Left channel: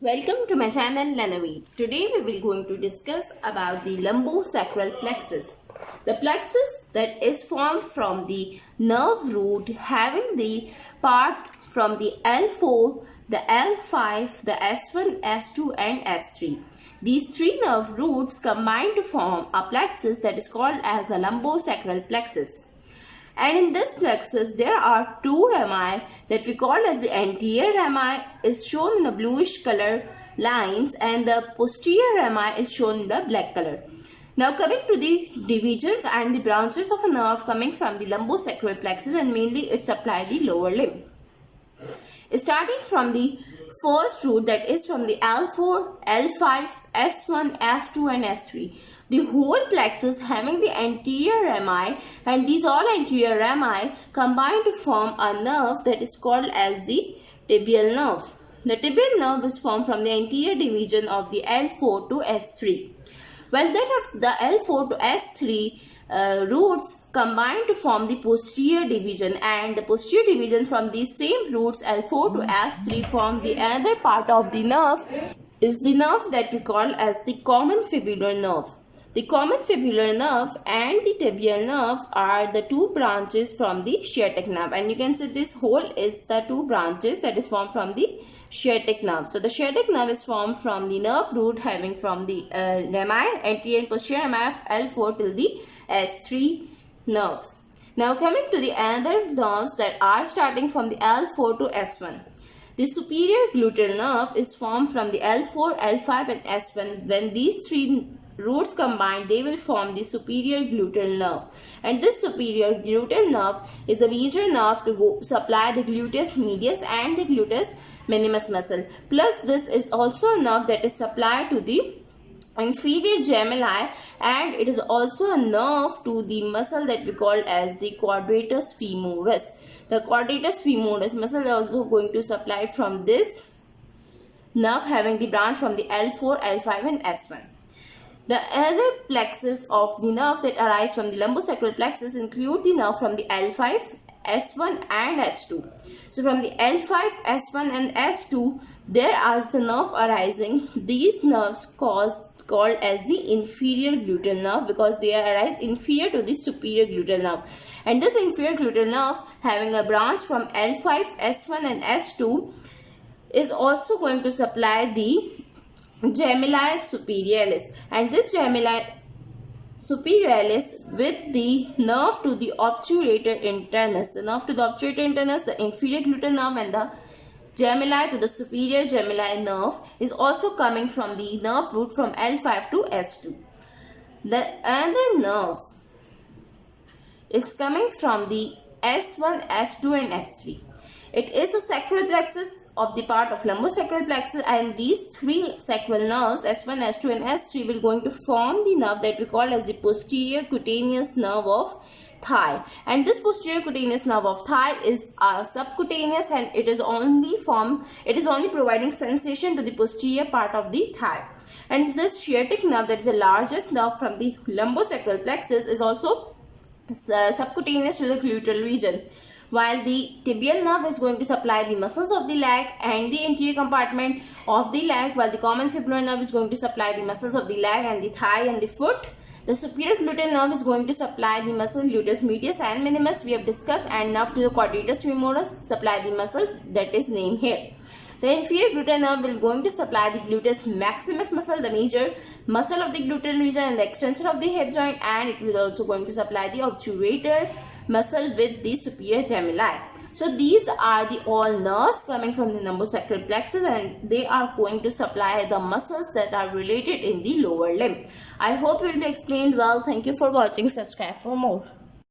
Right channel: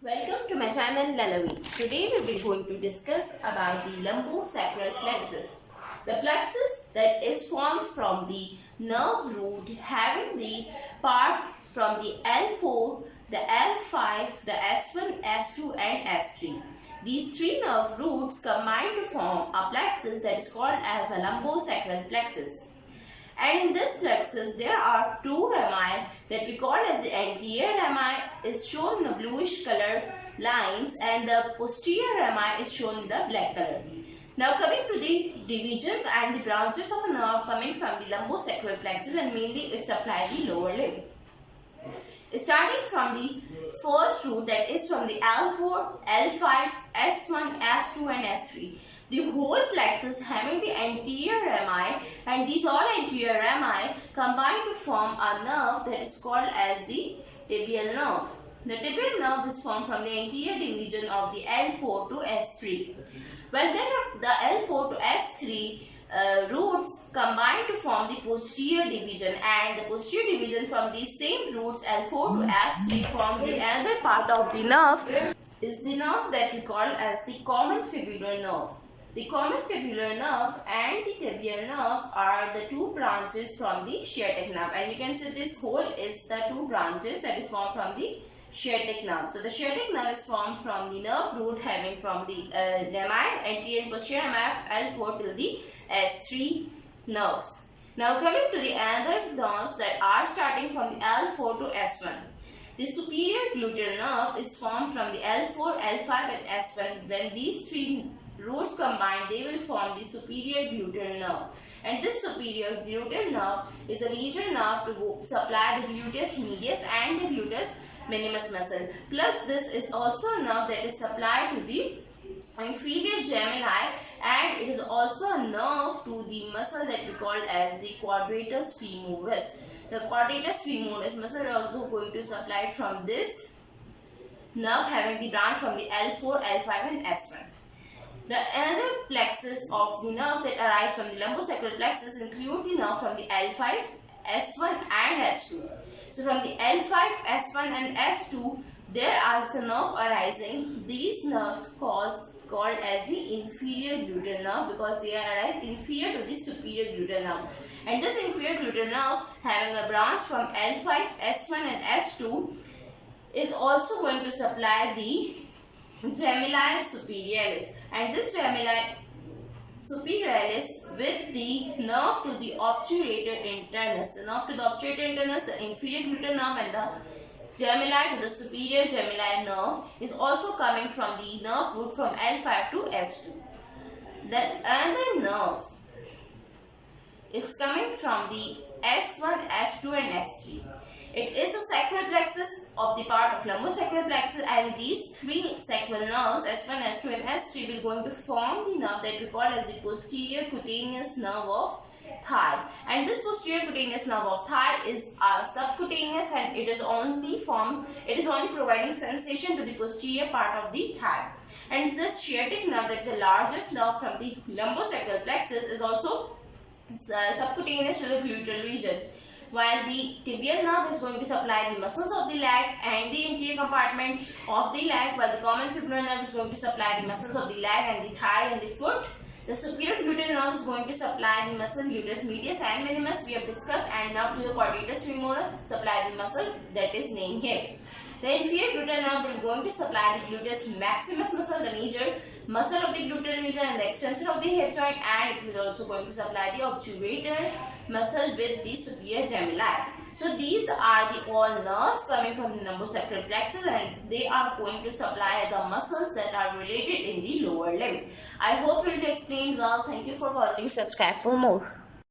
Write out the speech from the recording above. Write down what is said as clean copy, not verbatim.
Welcome to my channel Lanavi. Today we will going to discuss about the lumbosacral plexus. The plexus that is formed from the nerve root having the part from the L4, the L5, the S1, S2 and S3. These three nerve roots combine to form a plexus that is called as the lumbosacral plexus. And in this plexus there are two rami that we call as the anterior rami is shown in the bluish color lines and the posterior rami is shown in the black color. Now coming to the divisions and the branches of a nerve coming from the lumbosacral plexus, and mainly it supplies the lower limb. Starting from the first root that is from the L4, L5, S1, S2 and S3. The whole plexus having the anterior rami, and these all anterior rami combine to form a nerve that is called as the tibial nerve. The tibial nerve is formed from the anterior division of the L4 to S3. Well, that of the L4 to S3 roots combine to form the posterior division, and the posterior division from these same roots L4 to S3 form the another part of the nerve is the nerve that we call as the common fibular nerve. The common fibular nerve and the tibial nerve are the two branches from the sciatic nerve, and you can see this whole is the two branches that is formed from the sciatic nerve. So the sciatic nerve is formed from the nerve root having from the rami, anterior and posterior rami of L4 till the S3 nerves. Now coming to the other nerves that are starting from the L4 to S1. The superior gluteal nerve is formed from the L4, L5 and S1. When these three roots combine, they will form the superior gluteal nerve, and this superior gluteal nerve is a major nerve to supply the gluteus medius and the gluteus minimus muscle. Plus this is also a nerve that is supplied to the inferior gemelli, and it is also a nerve to the muscle that we call as the quadratus femoris. The quadratus femoris muscle is also going to supply it from this nerve having the branch from the L4, L5 and S1. The other plexus of the nerve that arise from the lumbosacral plexus include the nerve from the L5, S1 and S2. So from the L5, S1 and S2, there are the nerve arising. These nerves called as the inferior gluteal nerve because they arise inferior to the superior gluteal nerve. And this inferior gluteal nerve having a branch from L5, S1 and S2 is also going to supply the gemelli superialis, and this gemelli superialis with the nerve to the obturator internus. The nerve to the obturator internus, the inferior gluteal nerve and the gemelli to the superior gemelli nerve is also coming from the nerve root from L5 to S2. The other nerve is coming from the S1, S2 and S3. It is a sacral plexus of the part of lumbosacral plexus, and these three sacral nerves S1, S2 and S3 will going to form the nerve that we call as the posterior cutaneous nerve of thigh. And this posterior cutaneous nerve of thigh is subcutaneous, and it is only providing sensation to the posterior part of the thigh. And this sciatic nerve, that is the largest nerve from the lumbosacral plexus, is also subcutaneous to the gluteal region, while the tibial nerve is going to supply the muscles of the leg and the anterior compartment of the leg, while the common fibular nerve is going to supply the muscles of the leg and the thigh and the foot. The superior gluteal nerve is going to supply the muscle gluteus medius and minimus we have discussed, and nerve to the quadratus femoris supply the muscle that is named here. The inferior gluteal nerve will going to supply the gluteus maximus muscle, the major muscle of the gluteal region and the extensor of the hip joint, and it will also going to supply the obturator muscle with the superior gemelli. So these are the all nerves coming from the lumbosacral plexus, and they are going to supply the muscles that are related in the lower limb. I hope it will be explained well. Thank you for watching. Subscribe for more.